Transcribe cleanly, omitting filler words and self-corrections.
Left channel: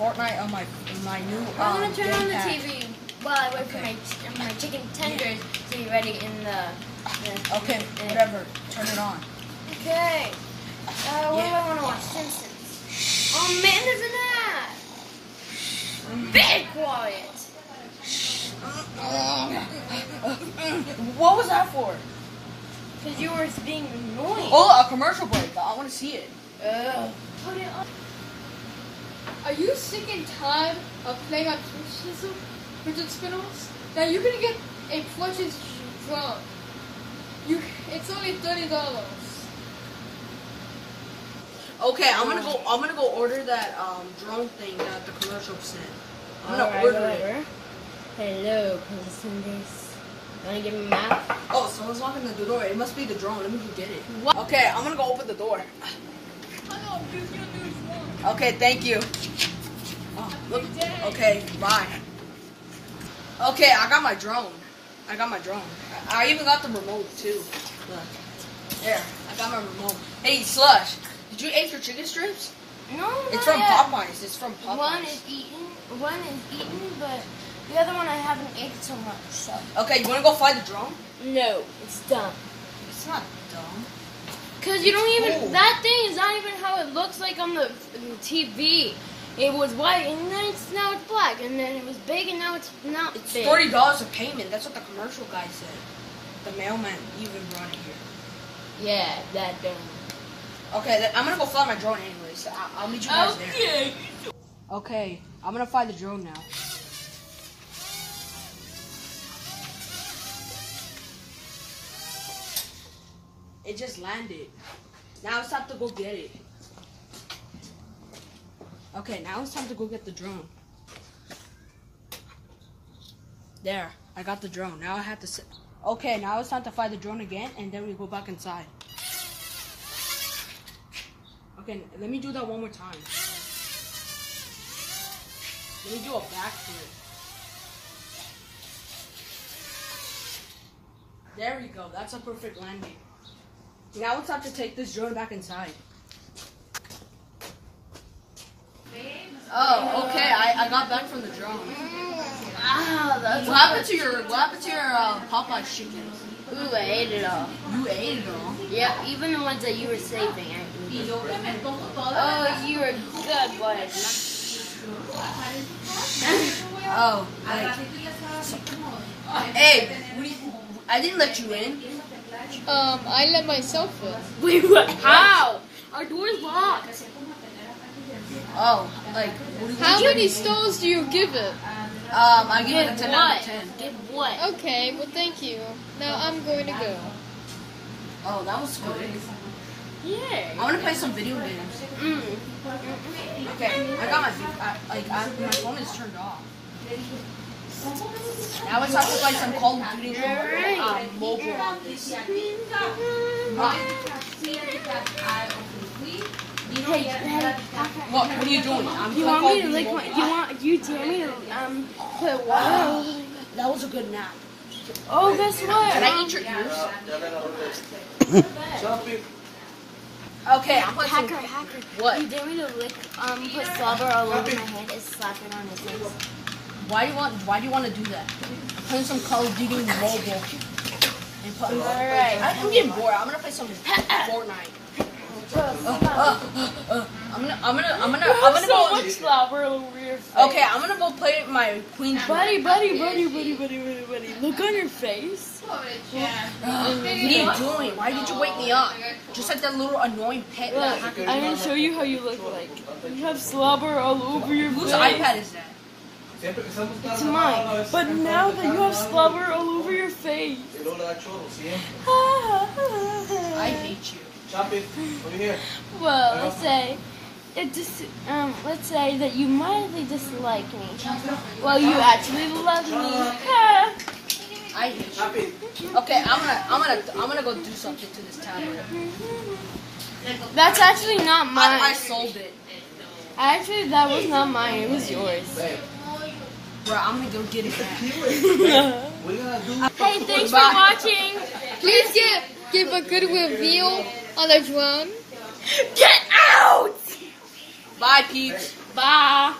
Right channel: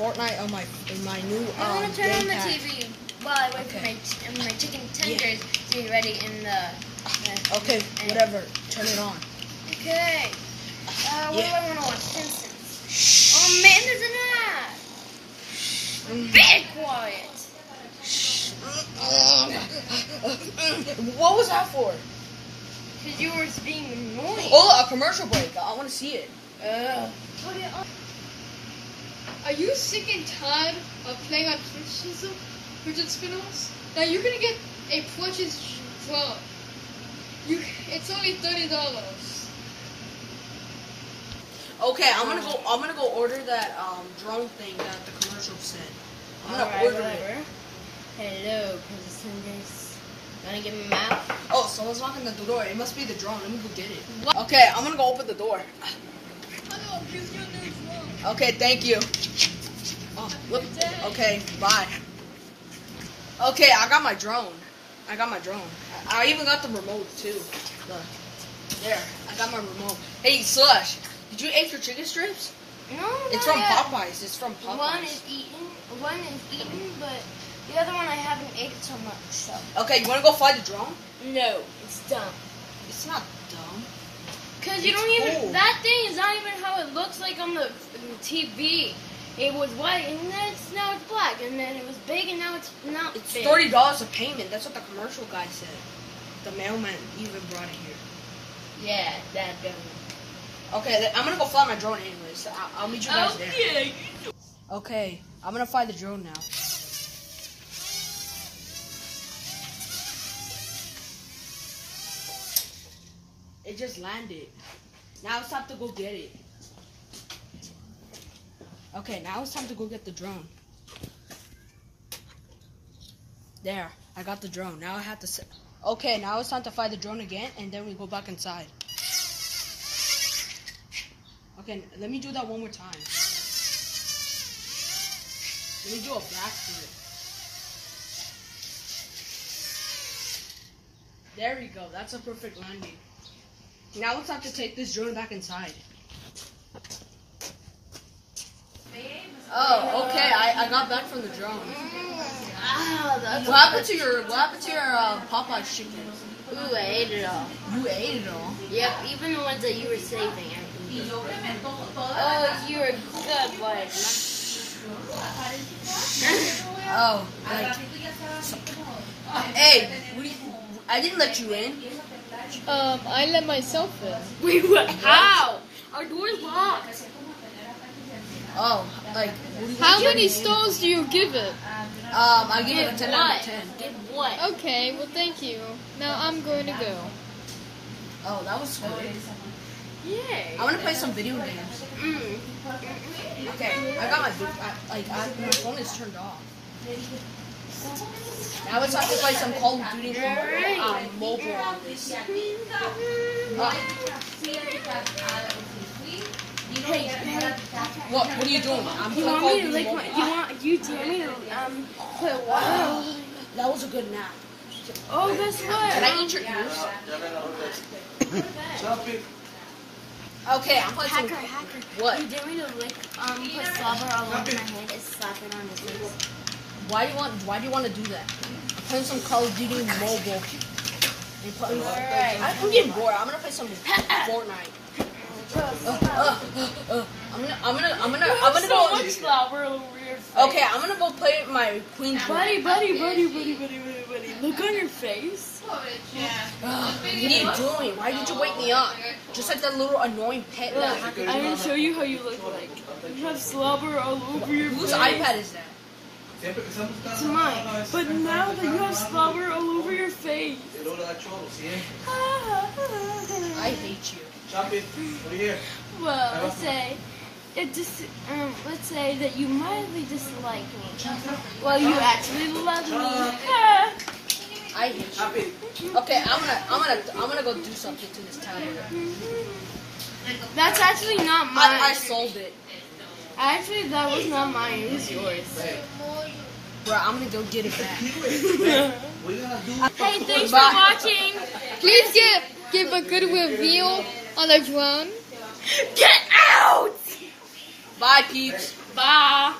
Fortnite on my new I'm gonna turn on the gamepad. TV while I wait for my chicken tenders to be ready in the. Okay, whatever. Turn it on. Okay. What do I want to watch? Simpsons. Oh man, there's an ad. Be quiet. What was that for? Because you were being annoying. Oh, a commercial break. I want to see it. Put it on. Are you sick and tired of playing on fidget spinners? Now you're gonna get a plushie drone. It's only $30. Okay, I'm gonna go order that drone thing that the commercial said. I'm gonna order it. Hello, contestants. You wanna give me a map? Oh, someone's knocking at the door. It must be the drone. Let me go get it. What? Okay, I'm gonna go open the door. Hello, here's your new drone. Okay, thank you. Look. Okay, bye. Okay, I got my drone. I even got the remote too. Look. There, I got my remote. Hey, Slush, did you eat your chicken strips? No, It's from Popeyes. It's from Popeyes. One is eaten, but the other one I haven't ate so much. So. Okay, you wanna go fly the drone? No, it's dumb. It's not dumb. Cause you don't even. Cool. That thing is not even how it looks like on the TV. It was white, and then now it's black, and then it was big, and now it's not It's big. $30 a payment. That's what the commercial guy said. The mailman even brought it here. Yeah, that dumb. Okay, I'm gonna go fly my drone anyways. I'll meet you guys there. Okay, I'm gonna fly the drone now. It just landed. Now it's time to go get it. Okay, now it's time to go get the drone. There, I got the drone. Now I have to sit. Okay, now it's time to fly the drone again, and then we go back inside. Okay, let me do that one more time. Let me do a backflip. There we go. That's a perfect landing. Now it's time to take this drone back inside. Oh, okay. I got back from the drone. What happened to your Popeyes chicken? Ooh, I ate it all. You ate it all. Yep, even the ones that you were saving. Oh, you were a good boy. Oh, like. Hey, I didn't let you in. I let myself in. Wait, what? How? Our door's locked. Oh, like. How many stars do you give it? I give it a 10 out of 10. Give what? Okay, well thank you. Now I'm going to go. Oh, that was good. Yeah. I want to play some video games. Okay, I got my phone is turned off. Now it's time to play some Call of Duty mobile on this. What are you doing? I'm playing Call of Duty mobile. You tell me quit what? That was a good nap. Oh, guess what? Can I eat your ears? Okay, I'm playing some. Hacker. What? You dare me to lick, put slobber all over my head and slap it on your face. Why do you want to do that? I'm playing some Call of Duty mobile. Alright. I'm getting bored. I'm gonna play some Fortnite. I'm gonna go. Slobber over your face. Okay, I'm gonna go play my Queen's Room. Buddy. Look on your face. What are you doing? Why did you wake me up? Just like that little annoying pet. I'm gonna show you how you look like. You have slobber all over your face. Whose iPad is that? It's mine. But now that you have slobber all over your face. I hate you. Well, let's say that you mildly dislike me. Well, you actually love me. I hate you. Okay, I'm gonna go do something to this tablet. That's actually not mine. I sold it. Actually, that was not mine. It was yours. Bro, I'm gonna go get it back. Hey, thanks for watching. Please give a good review on the drone. Get out! Bye, peeps. Bye.